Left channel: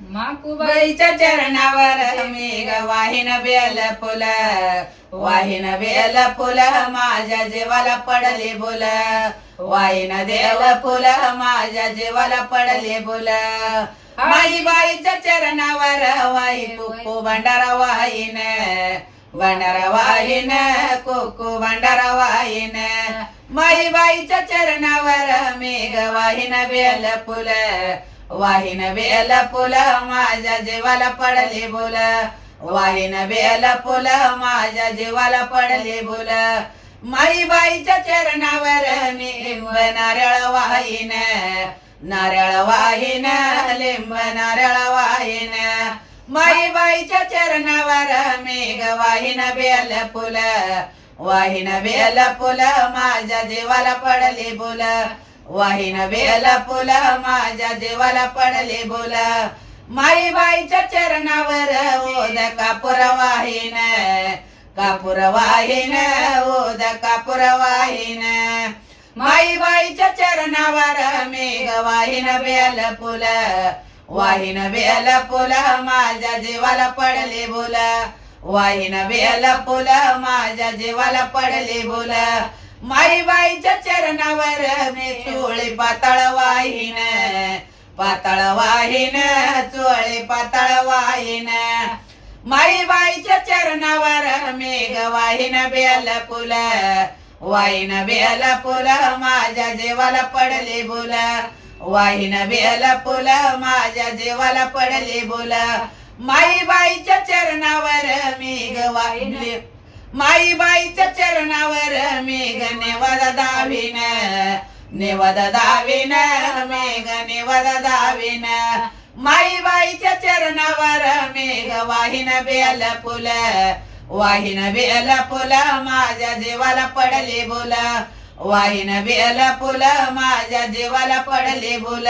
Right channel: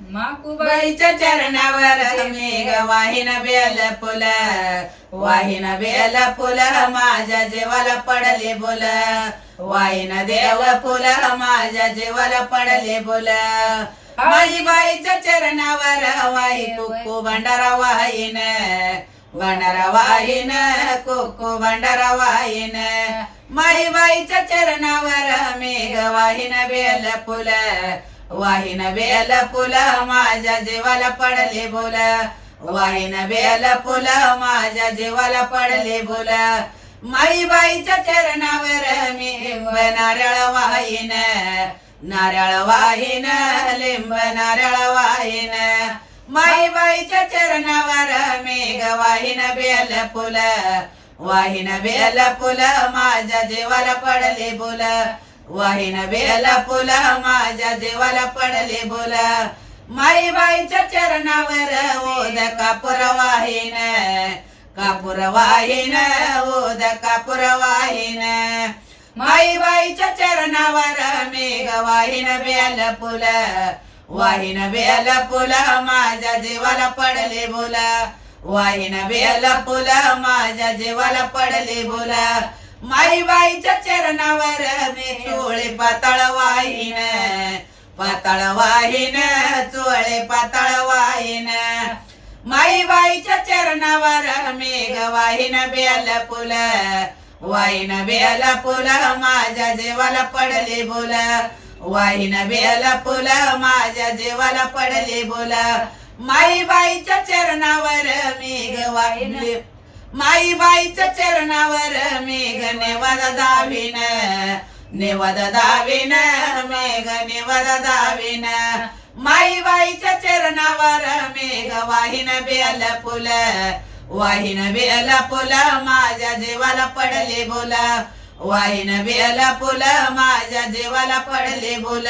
माकुबाईच्या चरणावर मेघ वाहिन बेल फुल, वाहिन बेल फुल माझ्या जीवाला पडले बोल, वाहिन देव फुल माझ्या जीवाला पडले बोल. माझी बाईच्या चरणावर वाही कुक्कू भंडारा वाहीन, भंडारा वाहीन कुक्कू भंडारा वाहीन. माझी बाईच्या चरणावर मेघ वाहिन बेल फुल, वाहिन बेल फुल माझ्या जीवाला पडले बोल, वाहिन बेल फुल माझ्या जीवाला पडले बोल. माई बाईच्या चरणावर मी लिंब नारळ वाहीन, नारळ वाहीन लिंब नारळ वाहीन. माई बाईच्या चरणावर मेघ वाहिन बेल फुल, वाहिन बेल फुल माझ्या जीवाला पडले बोल, वाहिन बेल फुल माझ्या जीवाला पडले बोल. माई बाईच्या चरणावर ओद कापूर वाहीन, कापूर वाहीन ओद कापूर वाहीन. माई बाईच्या चरणावर मेघ वाहिन बेल फुल, वाहिन बेल फुल माझ्या जीवाला पडले बोल, वाहिन बेल फुल माझ्या जीवाला पडले बोल. माई बाईच्या चरणावर मी चोळे पाताळ वाहीन, पाताळ वाहीन चोळे पाताळ वाहीन. माई बाईच्या चरणावर मेघ वाहिन बेल फुल, वाहिन बेल फुल माझ्या जीवाला पडले बोल, वाहिन बेल फुल माझ्या जीवाला पडले बोल. माई बाईच्या चरणावर मेघ वाहिन, माई बाईच्या चरणावर मेघ नेवद दाविन, नेवद दाविन मेघ नेवद दाविन. माई बाईच्या चरणावर मेघ वाहिन बेल फुल, वाहिन बेल फुल माझ्या जीवाला पडले बोल, वाहिन बेल फुल माझ्या जीवाला पडले बोल.